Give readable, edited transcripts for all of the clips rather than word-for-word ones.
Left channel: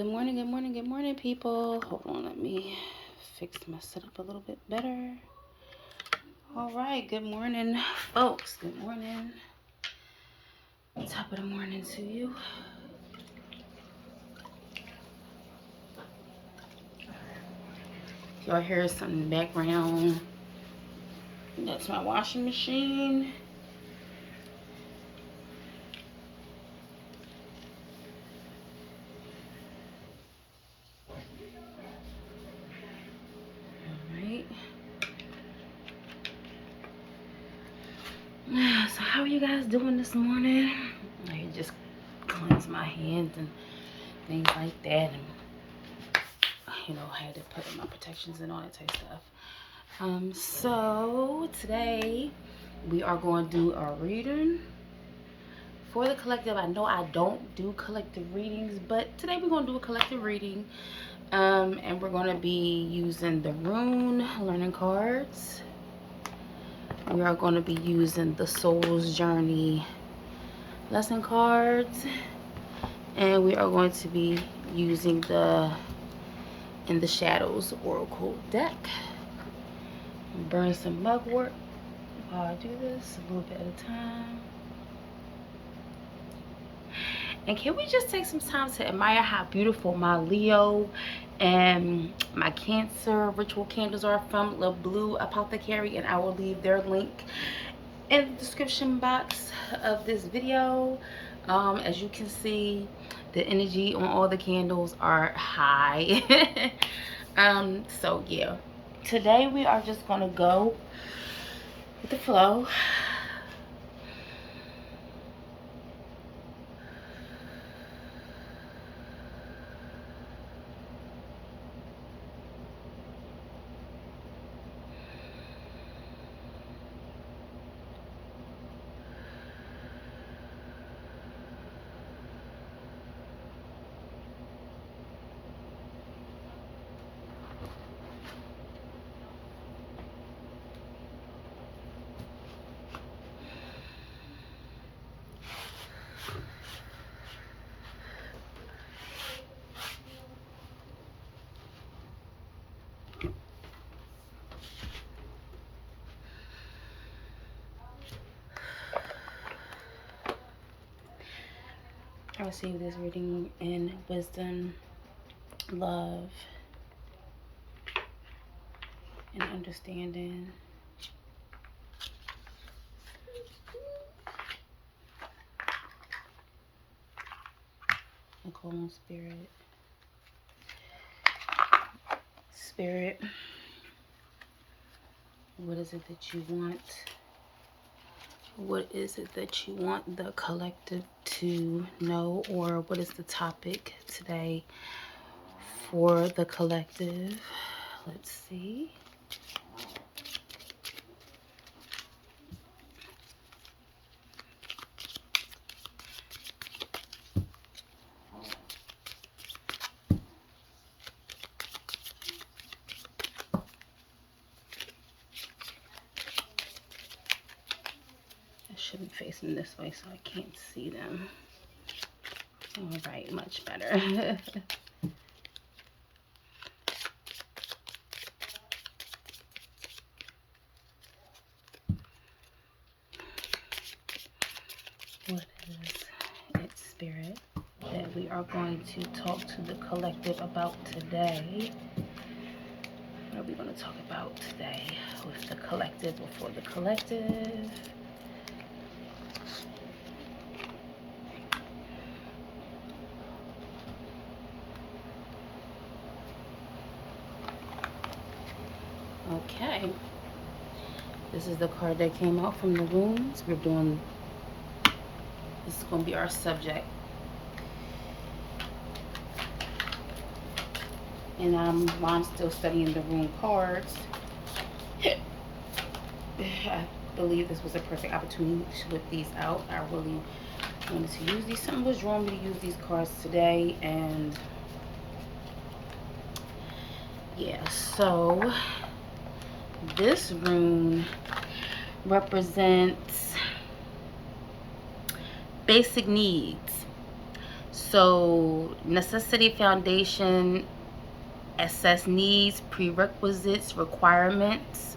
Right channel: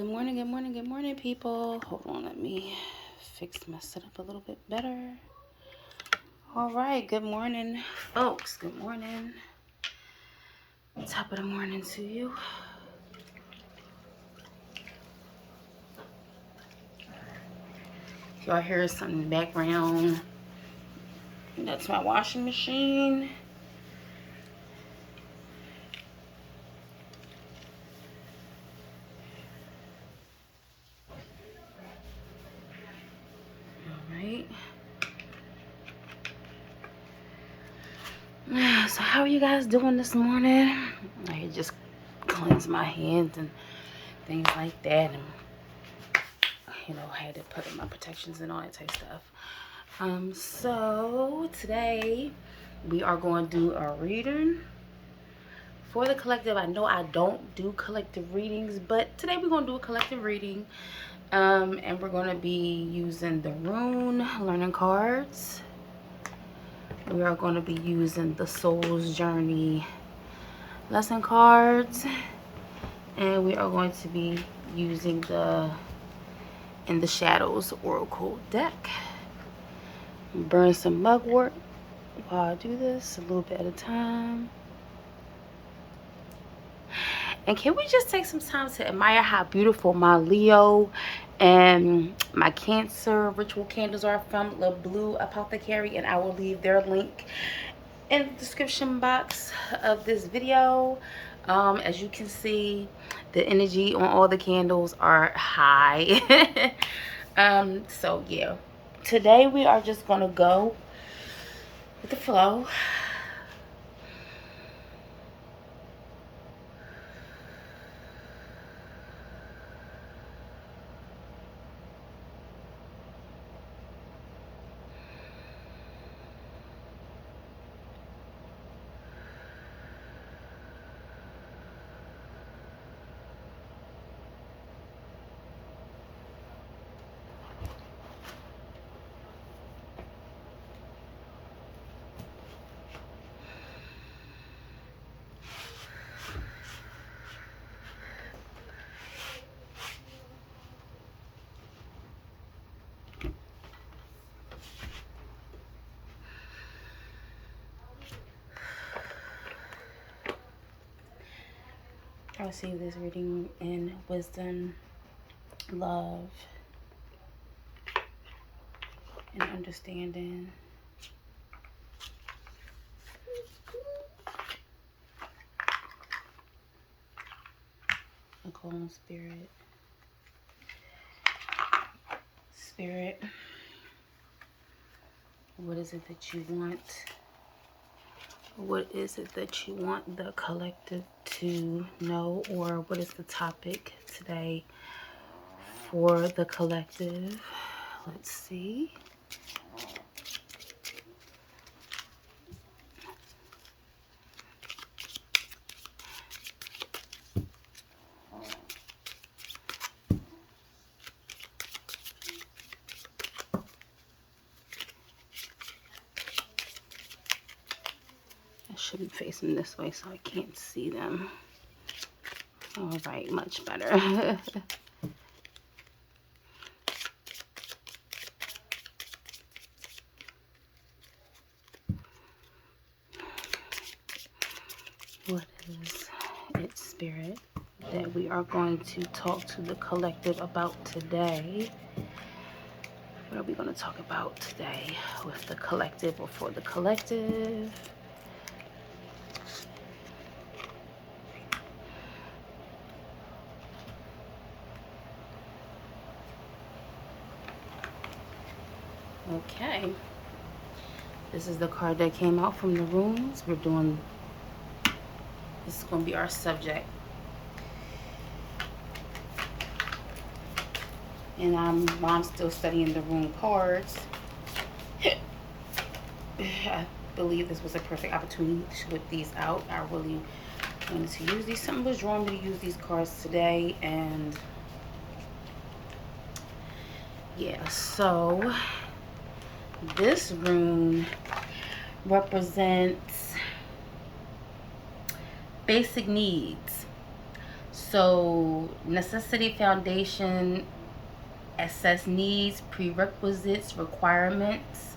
Good morning, good morning, good morning, people. Hold on, let me fix my setup a little bit better. All right, good morning, folks. Good morning. Top of the morning to you. Y'all hear something in the background? That's my washing machine. So how are you guys doing this morning? I just cleanse my hands and things like that, and I had to put in my protections and all that type of stuff. So today we are going to do a reading for the collective. I know I don't do collective readings, but today we're going to do a collective reading, and we're going to be using the rune learning cards. We are going to be using the Soul's Journey lesson cards, and we are going to be using the In the Shadows Oracle deck. Burn some mugwort while I do this, a little bit at a time. And can we just take some time to admire how beautiful my Leo and my Cancer ritual candles are from the Blue Apothecary, and I will leave their link in the description box of this video. As you can see, the energy on all the candles are high. So yeah, today we are just gonna go with the flow. I receive this reading in wisdom, love, and understanding. A calm spirit. Spirit, what is it that you want? What is it that you want the collective to know, or what is the topic today for the collective? Let's see. I should be facing this way so I can't see them. All right, much better. What is it, Spirit, that we are going to talk to the collective about today? What are we going to talk about today with the collective or for the collective? Okay. This is the card that came out from the runes. This is going to be our subject. And while I'm still studying the rune cards, I believe this was a perfect opportunity to whip these out. I really wanted to use these. Something was drawing me to use these cards today, and yeah, so this rune represents basic needs. So necessity foundation, assess needs, prerequisites, requirements.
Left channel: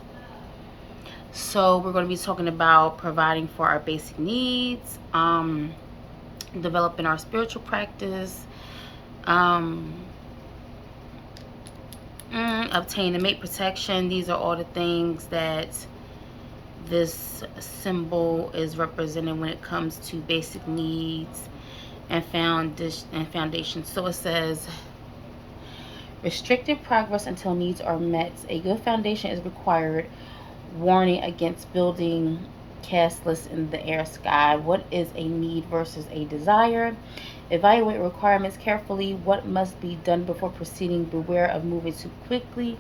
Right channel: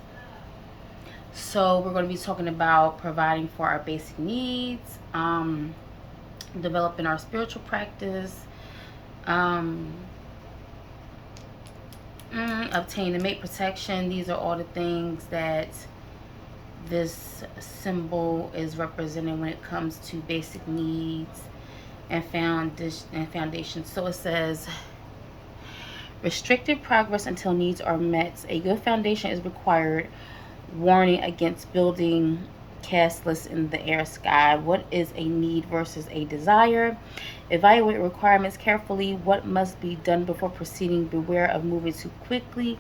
So we're going to be talking about providing for our basic needs, developing our spiritual practice, obtain and mate protection. These are all the things that this symbol is representing when it comes to basic needs and foundation. So it says, restricted progress until needs are met. A good foundation is required. Warning against building castles in the air sky. What is a need versus a desire? Evaluate requirements carefully. What must be done before proceeding? Beware of moving too quickly.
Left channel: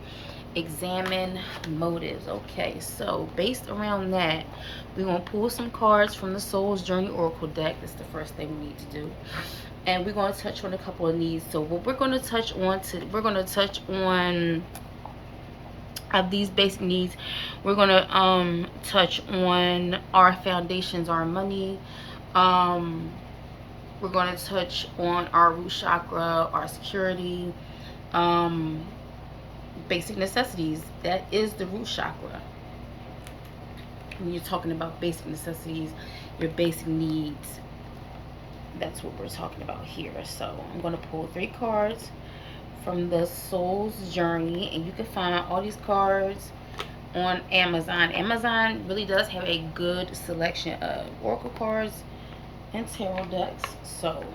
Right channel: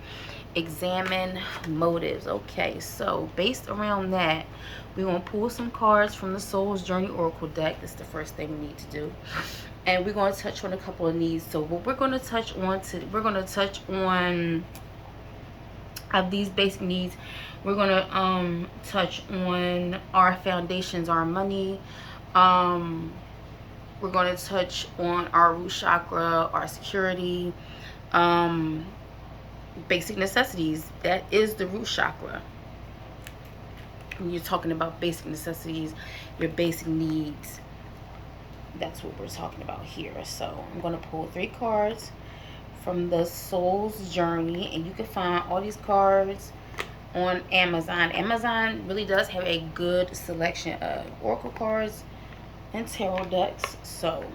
Examine motives. Okay, so based around that, we're going to pull some cards from the Soul's Journey Oracle deck. That's the first thing we need to do. And we're going to touch on a couple of needs. So what we're going to touch on of these basic needs. We're going to touch on our foundations, our money. We're going to touch on our root chakra, our security, basic necessities. That is the root chakra. When you're talking about basic necessities, your basic needs, that's what we're talking about here. So I'm going to pull 3 cards from the Soul's Journey, and you can find all these cards on Amazon. Amazon really does have a good selection of oracle cards and tarot decks. So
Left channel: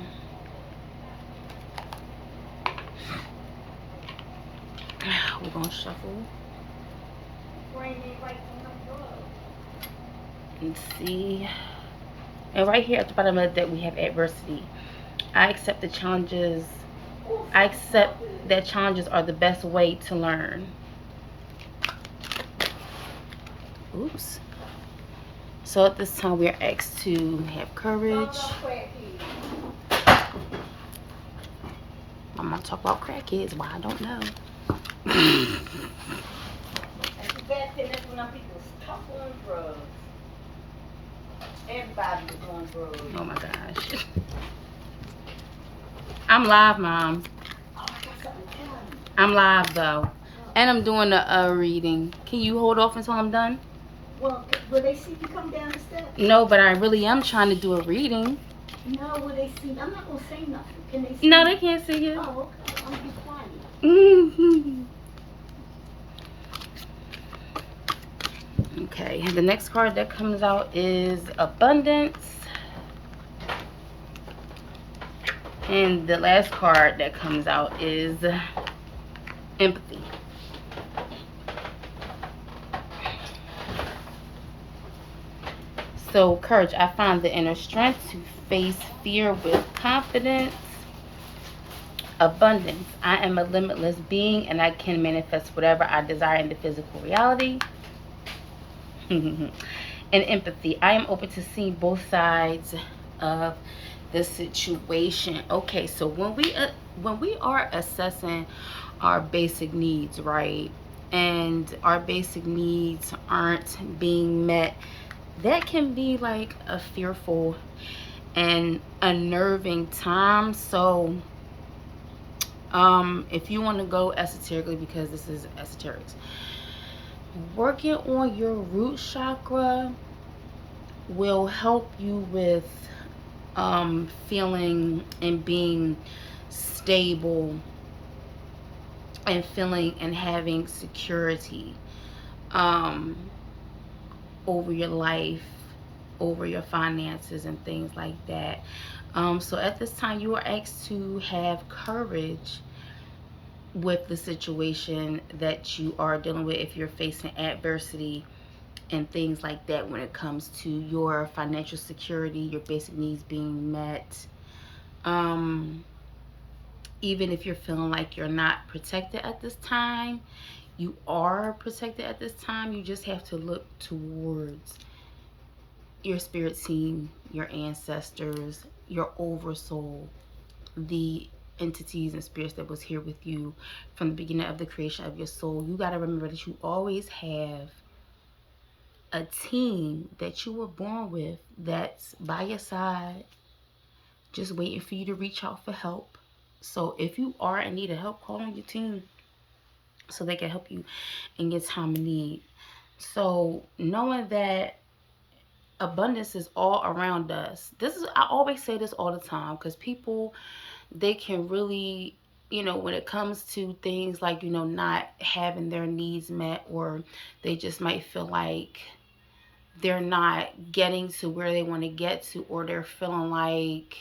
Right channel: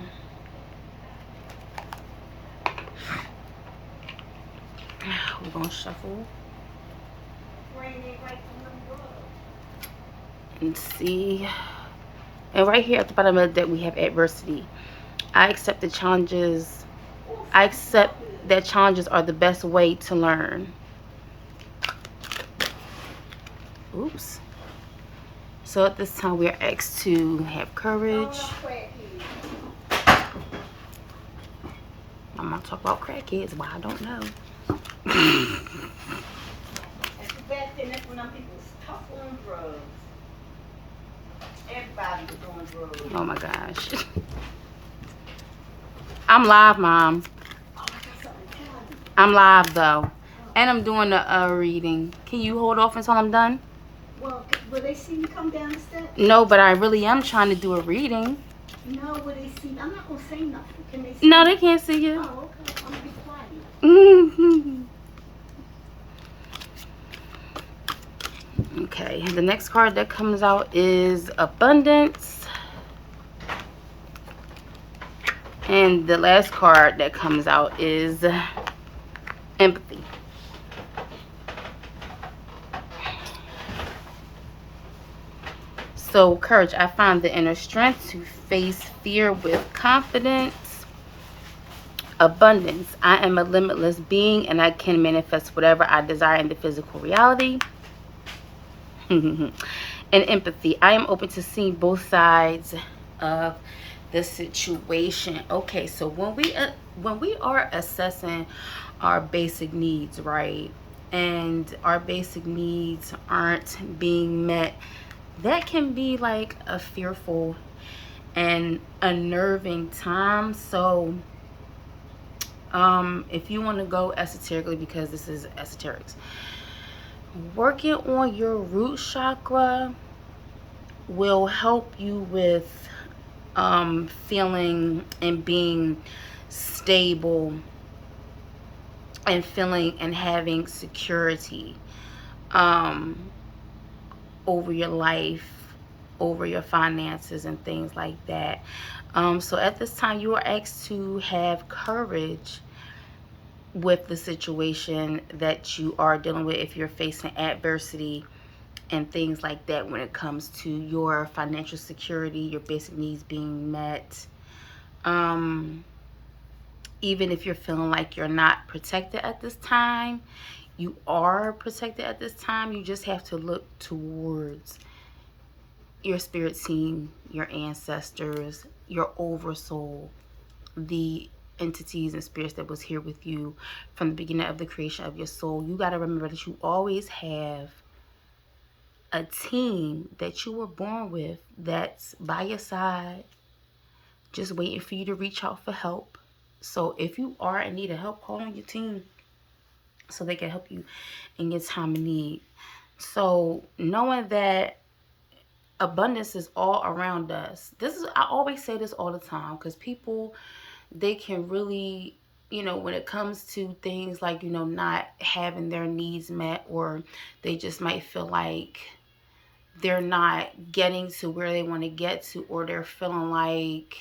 we're gonna shuffle and see. And right here at the bottom of the deck we have adversity. I accept the challenges. I accept that challenges are the best way to learn. Oops. So at this time we are asked to have courage. I'm gonna talk about crackheads. Why I don't know. Oh my gosh. I'm live, Mom. I'm live though. And I'm doing a reading. Can you hold off until I'm done? Well, will they see me come down the steps? No, but I really am trying to do a reading. No, will they see? I'm not going to say nothing. Can they see? No, they can't see you. Oh, okay. I'm going to be quiet. Okay, the next card that comes out is abundance. And the last card that comes out is empathy. So, courage. I find the inner strength to face fear with confidence. Abundance. I am a limitless being and I can manifest whatever I desire in the physical reality. And empathy. I am open to seeing both sides of the situation. Okay, so when we are assessing our basic needs, right, and our basic needs aren't being met, that can be like a fearful and unnerving time. So if you want to go esoterically, because this is esoterics, working on your root chakra will help you with feeling and being stable and feeling and having security over your life, over your finances and things like that. So at this time you are asked to have courage with the situation that you are dealing with if you're facing adversity and things like that when it comes to your financial security, your basic needs being met. Even if you're feeling like you're not protected at this time, you are protected at this time. You just have to look towards your spirit team, your ancestors, your oversoul, the entities and spirits that was here with you from the beginning of the creation of your soul. You got to remember that you always have a team that you were born with that's by your side just waiting for you to reach out for help. So if you are in need of help, call on your team so they can help you in your time of need. So knowing that abundance is all around us. I always say this all the time, because people, they can really, when it comes to things like, not having their needs met, or they just might feel like they're not getting to where they want to get to, or they're feeling like,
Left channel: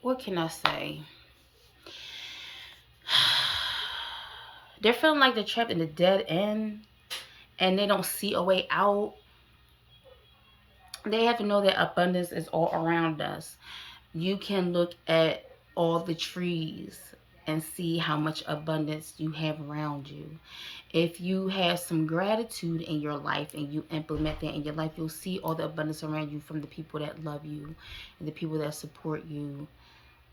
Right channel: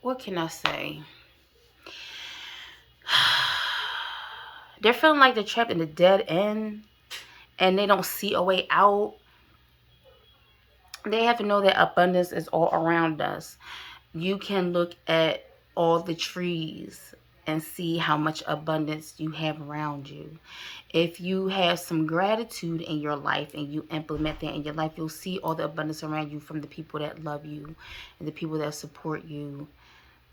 what can I say? They're feeling like they're trapped in a dead end and they don't see a way out. They have to know that abundance is all around us. You can look at all the trees and see how much abundance you have around you. If you have some gratitude in your life and you implement that in your life, you'll see all the abundance around you, from the people that love you and the people that support you,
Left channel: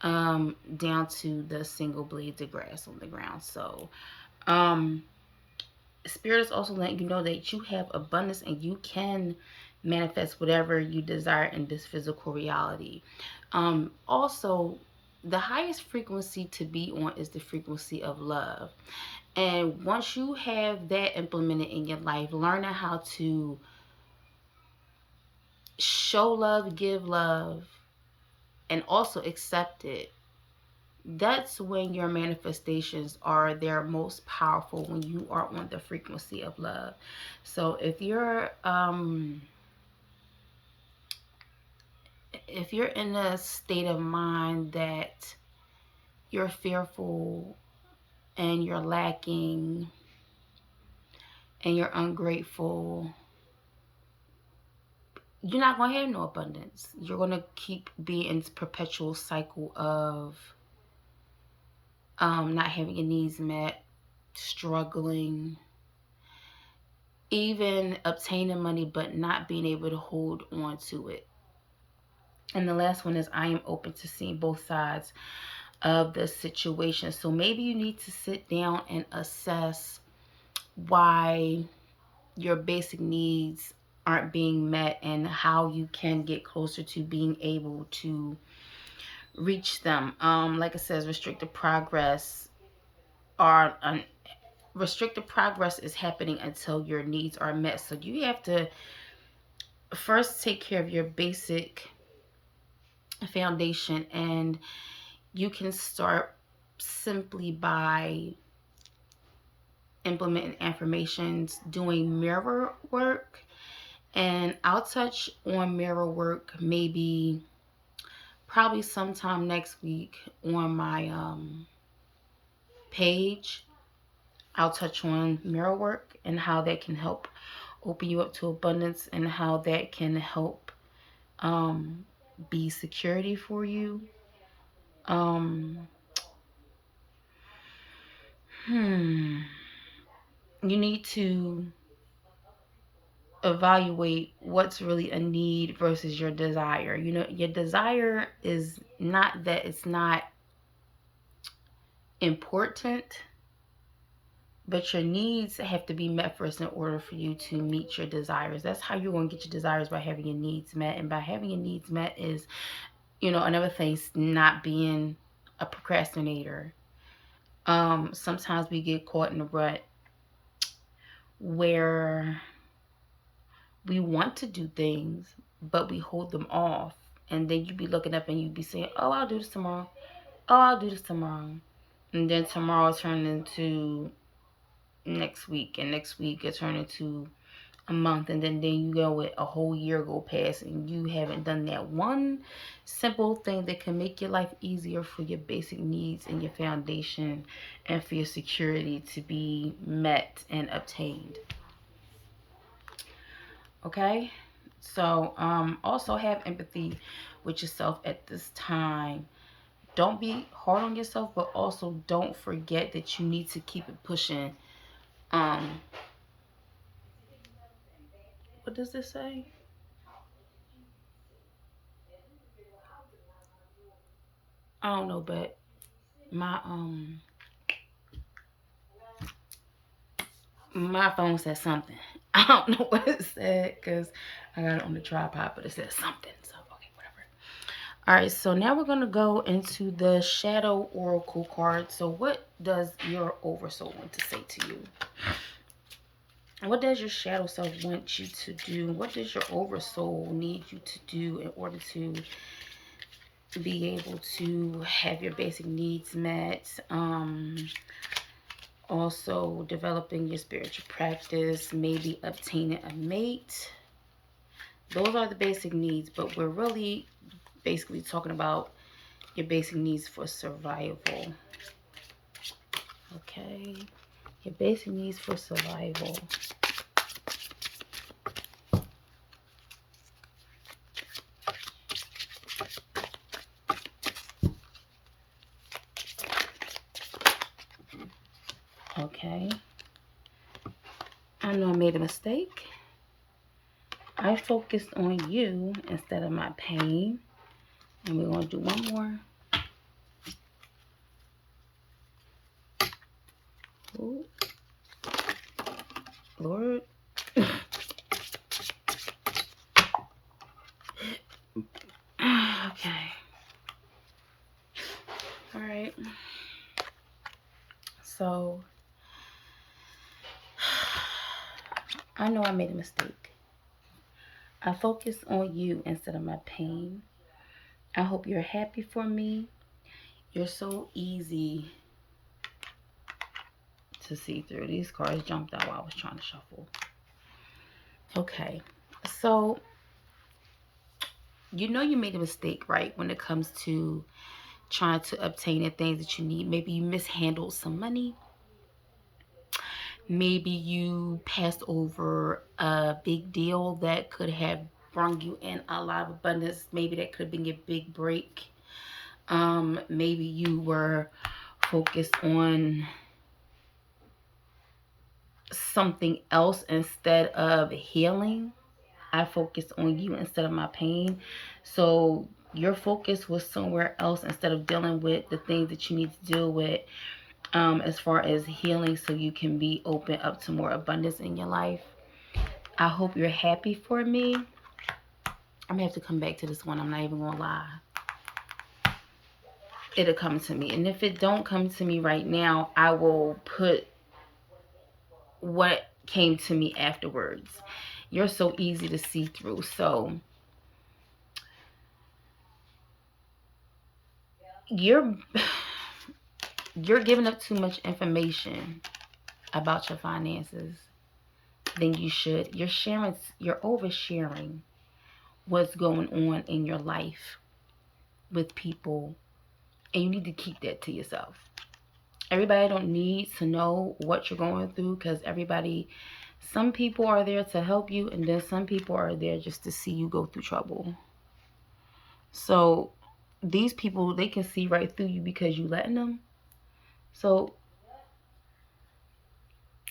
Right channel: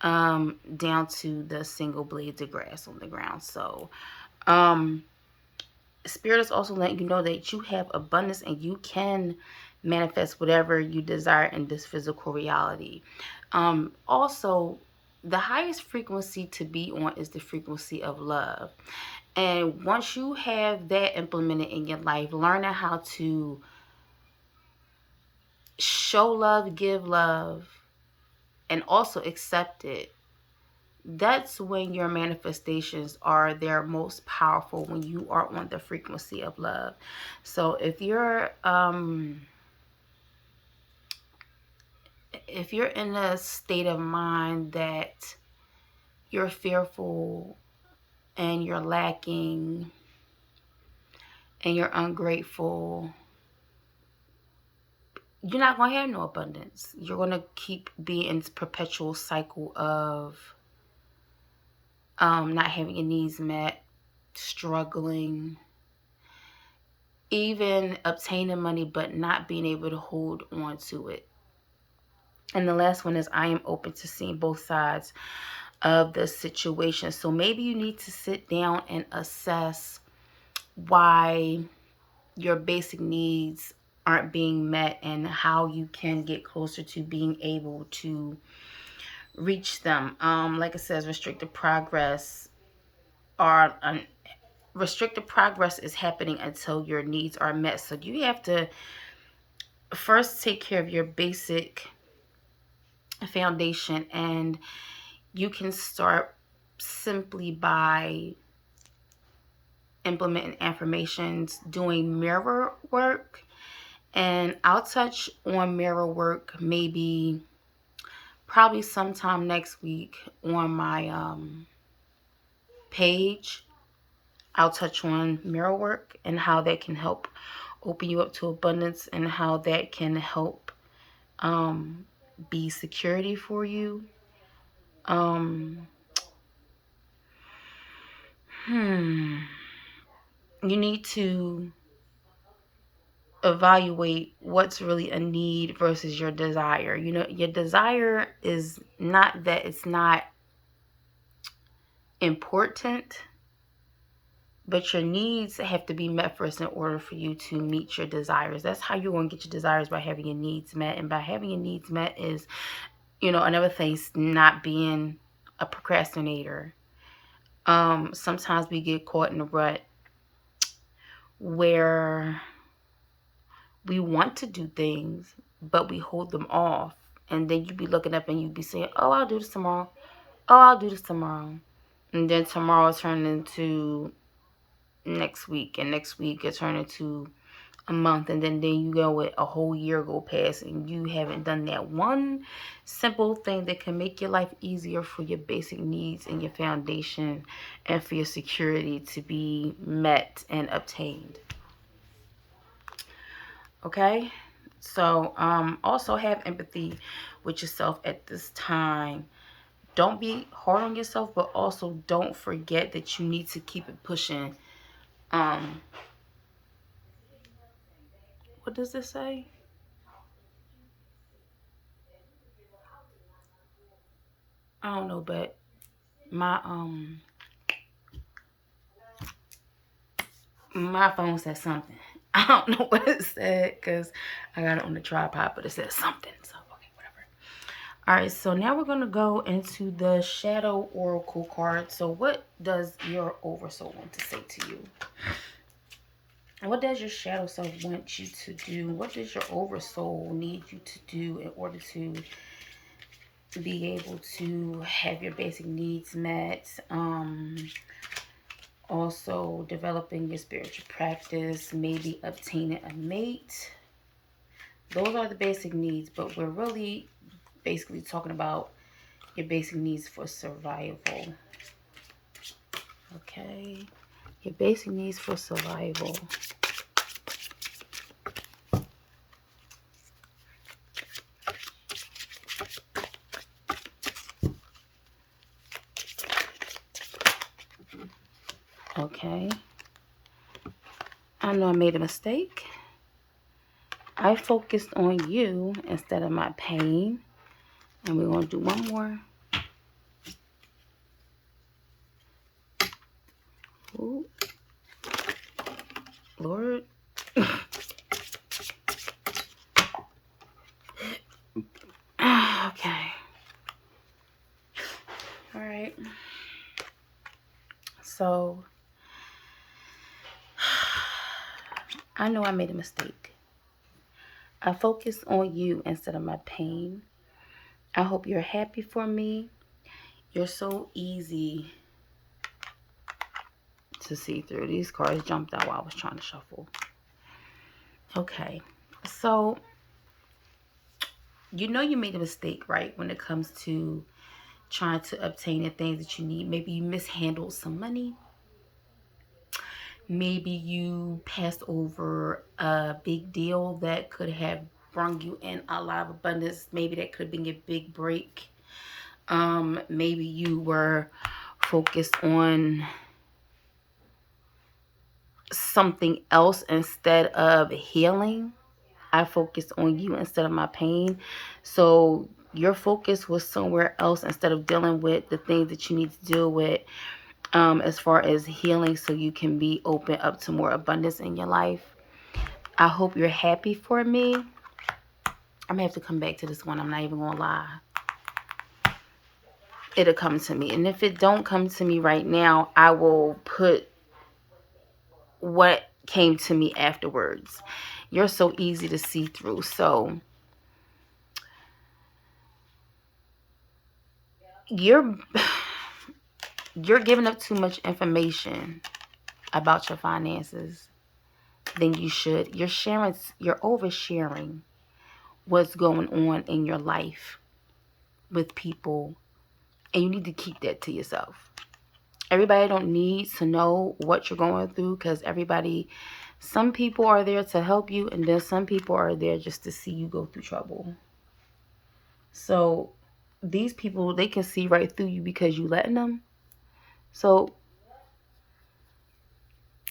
down to the single blades of grass on the ground. So, Spirit is also letting you know that you have abundance and you can manifest whatever you desire in this physical reality. Also, the highest frequency to be on is the frequency of love. And once you have that implemented in your life, learning how to show love, give love, and also accept it, that's when your manifestations are their most powerful, when you are on the frequency of love. So if you're in a state of mind that you're fearful and you're lacking and you're ungrateful, you're not going to have no abundance. You're going to keep being in this perpetual cycle of not having your needs met, struggling, even obtaining money but not being able to hold on to it. And the last one is, I am open to seeing both sides of the situation. So maybe you need to sit down and assess why your basic needs aren't being met and how you can get closer to being able to reach them. Like it says, restricted progress is happening until your needs are met. So you have to first take care of your basic foundation, and you can start simply by implementing affirmations, doing mirror work. And I'll touch on mirror work maybe probably sometime next week on my page. I'll touch on mirror work and how that can help open you up to abundance, and how that can help be security for you. You need to evaluate what's really a need versus your desire. Your desire is not that it's not important, but your needs have to be met first in order for you to meet your desires. That's how you're going to get your desires, by having your needs met. And by having your needs met is, another thing is not being a procrastinator. Sometimes we get caught in a rut where we want to do things, but we hold them off. And then you be looking up and you be saying, oh, I'll do this tomorrow. Oh, I'll do this tomorrow. And then tomorrow turns into next week. And next week it turns into a month. And then you go with a whole year go past and you haven't done that one simple thing that can make your life easier for your basic needs and your foundation and for your security to be met and obtained. Okay? So, also have empathy with yourself at this time. Don't be hard on yourself, but also don't forget that you need to keep it pushing. What does this say? I don't know, but my my phone said something. I don't know what it said because I got it on the tripod, but it said something. So okay, whatever. All right, so now we're going to go into the Shadow Oracle card. So what does your Oversoul want to say to you? What does your shadow self want you to do? What does your Oversoul need you to do in order to be able to have your basic needs met? Also developing your spiritual practice, maybe obtaining a mate. Those are the basic needs, but we're really basically talking about your basic needs for survival. Okay, your basic needs for survival. Okay, I know I made a mistake. I focused on you instead of my pain. And we're going to do one more. Ooh. Lord. Okay. All right. So, I know I made a mistake. I focused on you instead of my pain. I hope you're happy for me. You're so easy to see through. These cards jumped out while I was trying to shuffle. Okay. So, you know you made a mistake, right? When it comes to trying to obtain the things that you need. Maybe you mishandled some money. Maybe you passed over a big deal that could have brought you in a lot of abundance. Maybe that could have been your big break. Maybe you were focused on something else instead of healing. I focused on you instead of my pain. So your focus was somewhere else instead of dealing with the things that you need to deal with. As far as healing, so you can be open up to more abundance in your life. I hope you're happy for me. I'm gonna have to come back to this one. I'm not even gonna lie. It'll come to me. And if it don't come to me right now, I will put what came to me afterwards. You're so easy to see through. So you're giving up too much information about your finances than you should. You're oversharing what's going on in your life with people, and you need to keep that to yourself. Everybody don't need to know what you're going through, because some people are there to help you, and then some people are there just to see you go through trouble. So these people, they can see right through you because you letting them. So,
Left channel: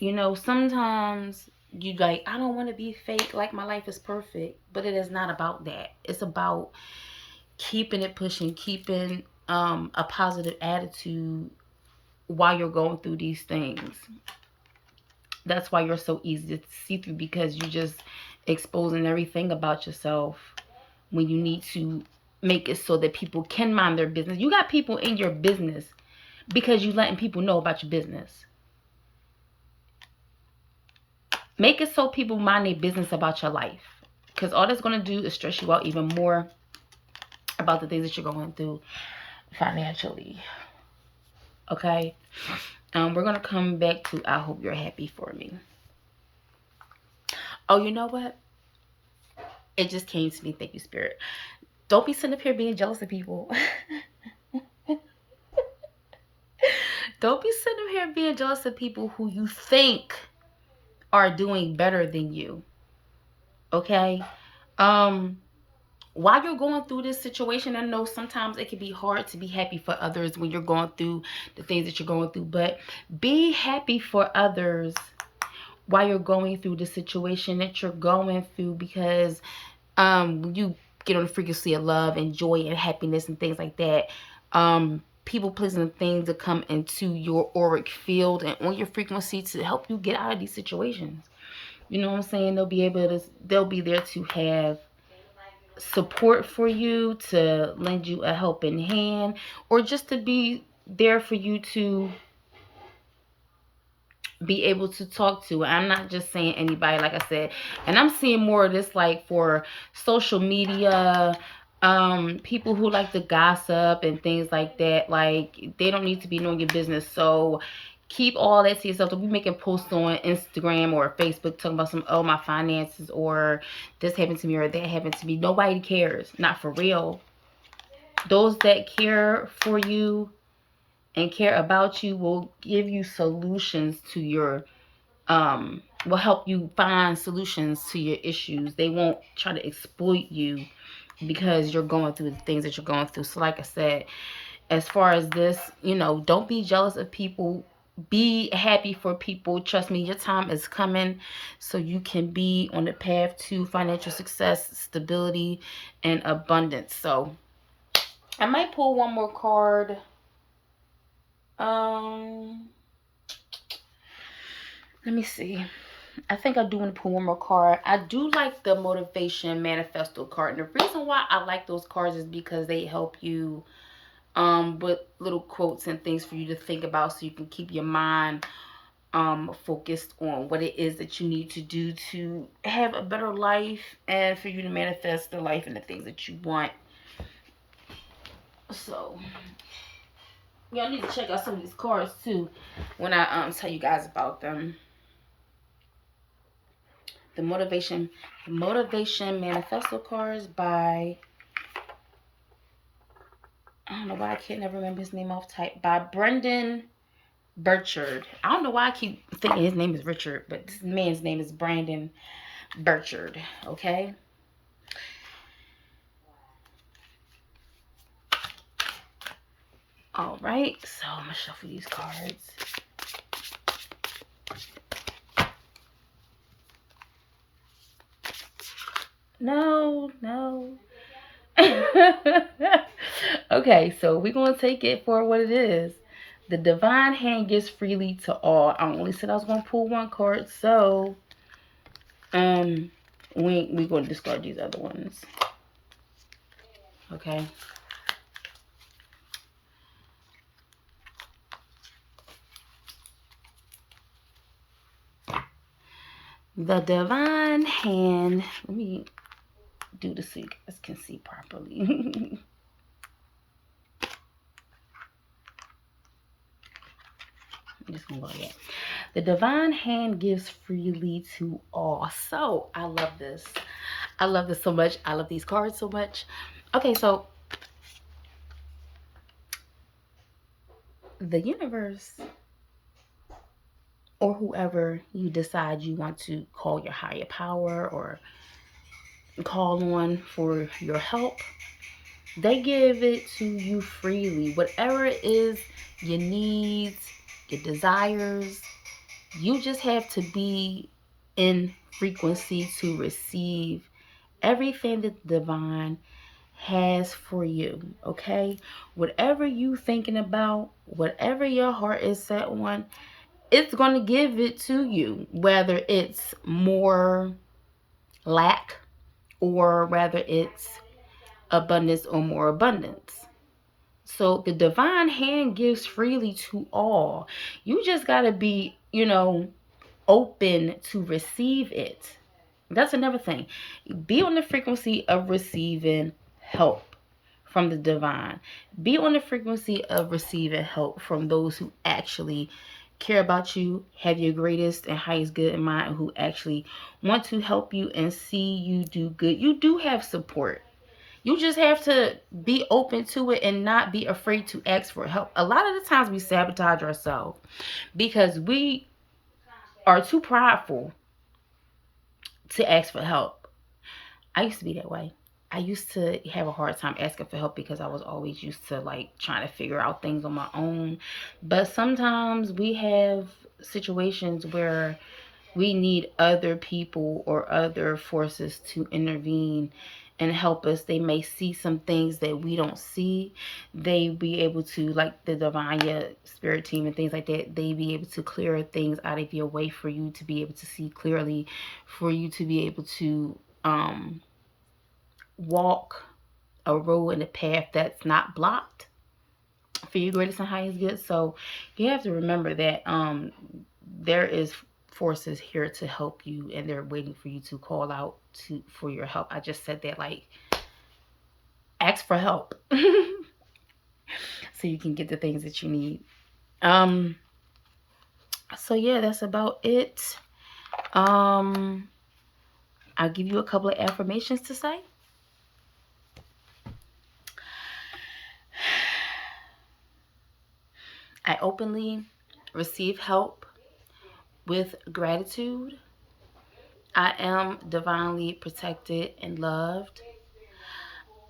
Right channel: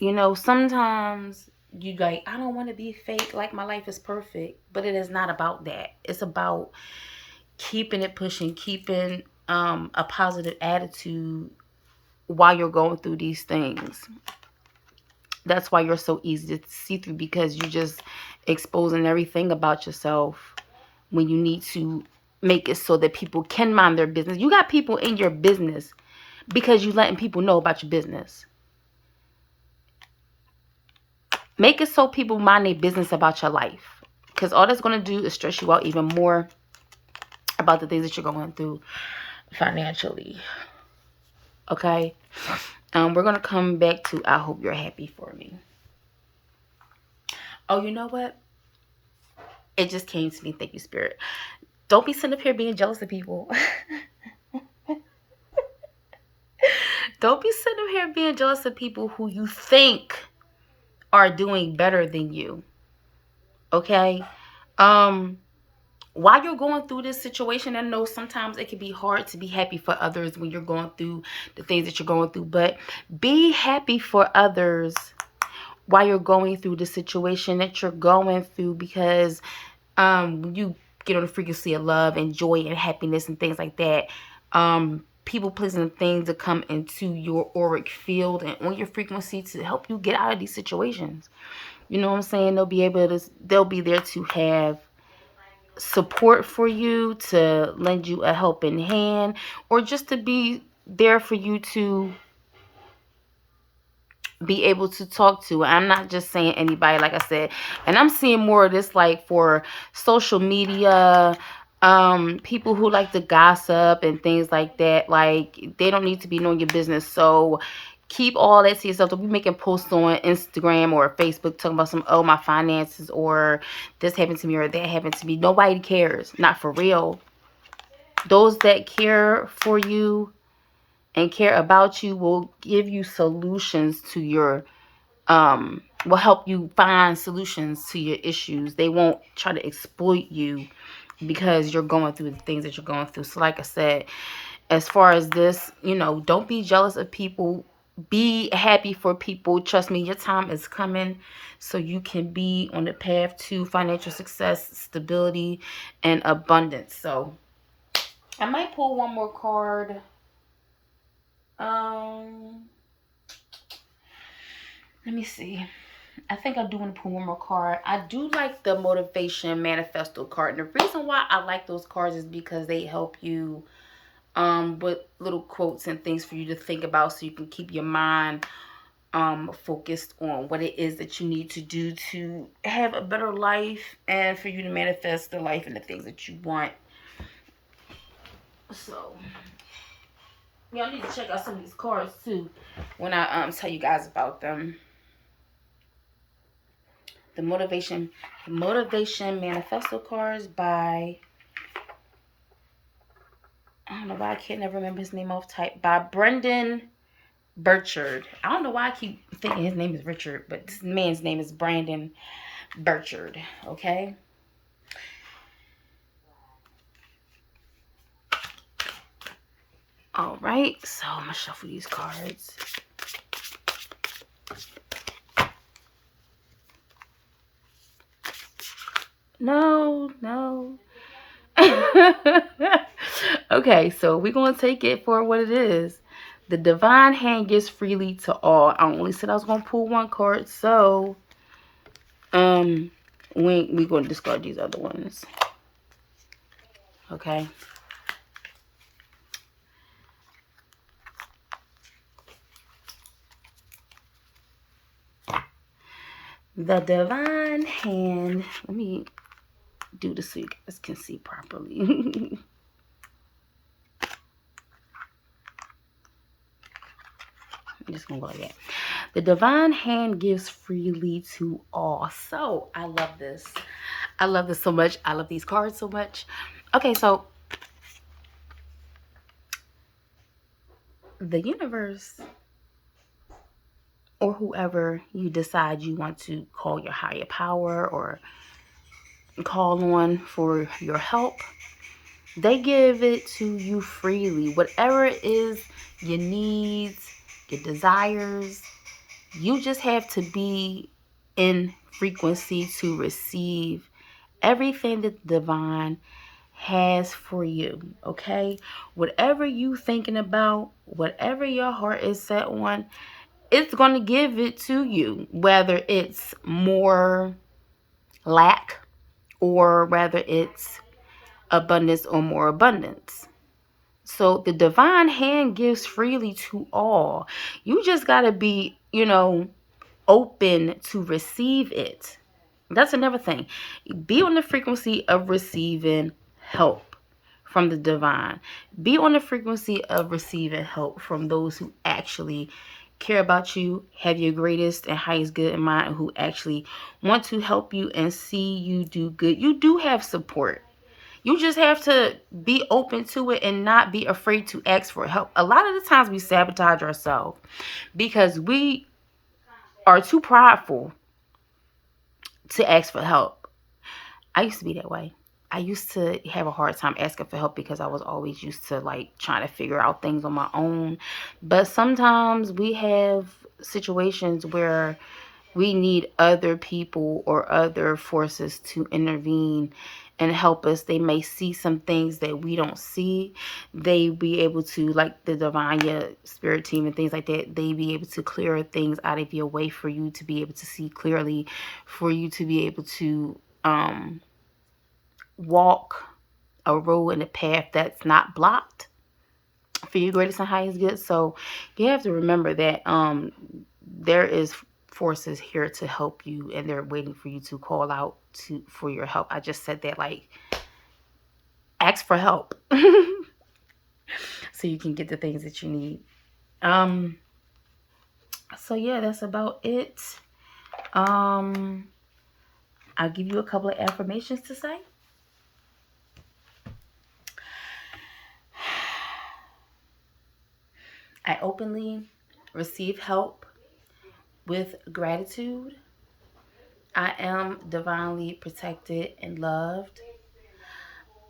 sometimes you like, I don't want to be fake, like my life is perfect, but it is not about that. It's about keeping it pushing, keeping a positive attitude while you're going through these things. That's why you're so easy to see through, because you're just exposing everything about yourself when you need to make it so that people can mind their business. You got people in your business because you letting people know about your business. Make it so people mind their business about your life, because all that's going to do is stress you out even more about the things that you're going through financially. Okay? We're going to come back to I hope you're happy for me. Oh, you know what? It just came to me. Thank you, Spirit. Don't be sitting up here being jealous of people. Don't be sitting up here being jealous of people who you think are doing better than you. Okay? While you're going through this situation, I know sometimes it can be hard to be happy for others when you're going through the things that you're going through, but be happy for others while you're going through the situation that you're going through, because when you get on the frequency of love and joy and happiness and things like that, people, places, and things to come into your auric field and on your frequency to help you get out of these situations. You know what I'm saying? They'll be there to have support for you, to lend you a helping hand, or just to be there for you to be able to talk to. I'm not just saying anybody, like I said, and I'm seeing more of this like for social media, people who like to gossip and things like that. Like, they don't need to be knowing your business. So keep all that to yourself. Don't be making posts on Instagram or Facebook talking about some, oh, my finances, or this happened to me, or that happened to me. Nobody cares. Not for real. Those that care for you and care about you will give you solutions to your will help you find solutions to your issues. They won't try to exploit you because you're going through the things that you're going through. So like I said, as far as this, don't be jealous of people. Be happy for people. Trust me, your time is coming, so you can be on the path to financial success, stability, and abundance. So I might pull one more card. Let me see. I think I do want to pull one more card. I do like the motivation manifesto card. And the reason why I like those cards is because they help you with little quotes and things for you to think about, so you can keep your mind focused on what it is that you need to do to have a better life, and for you to manifest the life and the things that you want. So y'all need to check out some of these cards too when I tell you guys about them. The motivation manifesto cards by, I don't know why I can't never remember his name off type, by Brendan Burchard. I don't know why I keep thinking his name is Richard, but this man's name is Brandon Burchard. Okay. All right, so I'm gonna shuffle these cards. No. Okay, so we're gonna take it for what it is. The divine hand gives freely to all. I only said I was gonna pull one card, so we're gonna discard these other ones. Okay. The divine hand. Let me do this so you guys can see properly. I'm just gonna go like that. The divine hand gives freely to all. So I love this. I love this so much. I love these cards so much. Okay, so the universe, or whoever you decide you want to call your higher power or call on for your help, they give it to you freely. Whatever it is, your needs, your desires, you just have to be in frequency to receive everything that the divine has for you. Okay? Whatever you thinking about, whatever your heart is set on, it's going to give it to you, whether it's more lack or whether it's abundance or more abundance. So the divine hand gives freely to all. You just got to be, open to receive it. That's another thing. Be on the frequency of receiving help from the divine. Be on the frequency of receiving help from those who actually care about you, have your greatest and highest good in mind, and who actually want to help you and see you do good. You do have support. You just have to be open to it and not be afraid to ask for help. A lot of the times we sabotage ourselves because we are too prideful to ask for help. I used to be that way. I used to have a hard time asking for help because I was always used to like trying to figure out things on my own. But sometimes we have situations where we need other people or other forces to intervene and help us. They may see some things that we don't see. They be able to, like the divine spirit team and things like that, they be able to clear things out of your way for you to be able to see clearly, for you to be able to walk a road and a path that's not blocked for your greatest and highest good. So you have to remember that there is forces here to help you, and they're waiting for you to call out for your help. I just said that, like, ask for help so you can get the things that you need. So yeah, that's about it. I'll give you a couple of affirmations to say. I openly receive help with gratitude. I am divinely protected and loved.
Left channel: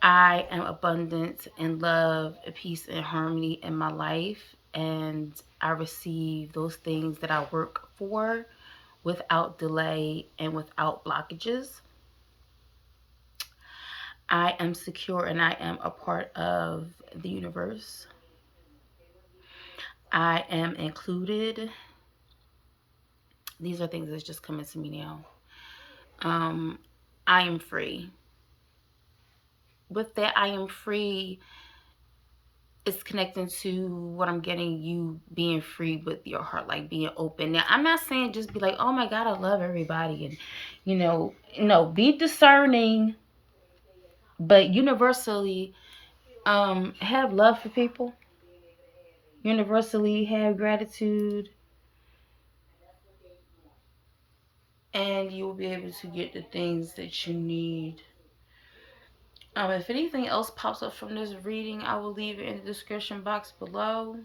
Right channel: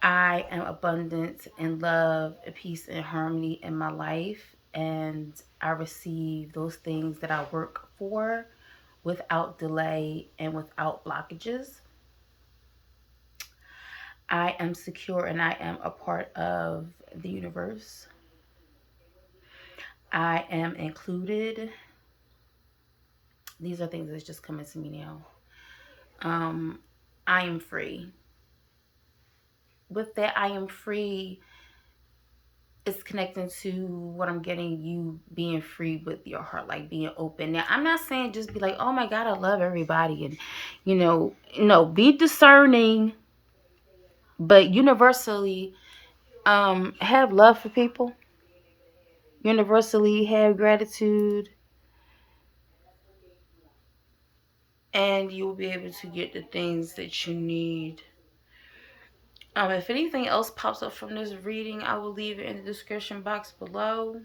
I am abundant in love, peace, and harmony in my life. And I receive those things that I work for without delay and without blockages. I am secure and I am a part of the universe. I am included. These are things that's just coming to me now. I am free. With that, I am free. It's connecting to what I'm getting, you being free with your heart, like being open. Now, I'm not saying just be like, oh my God, I love everybody. And, no, be discerning, but universally have love for people. Universally have gratitude. And you will be able to get the things that you need. If anything else pops up from this reading, I will leave it in the description box below.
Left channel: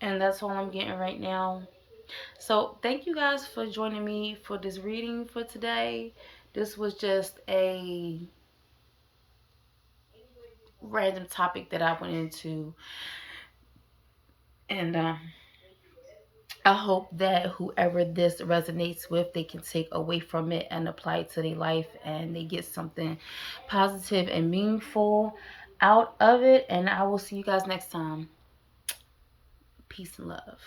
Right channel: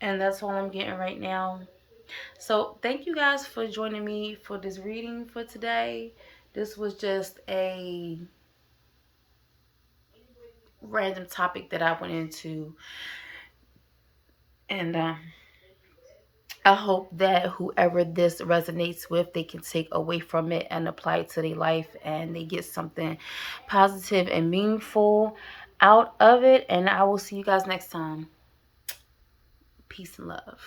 And that's all I'm getting right now. So thank you guys for joining me for this reading for today. This was just a random topic that I went into. And I hope that whoever this resonates with, they can take away from it and apply it to their life, and they get something positive and meaningful out of it. And I will see you guys next time. Peace and love.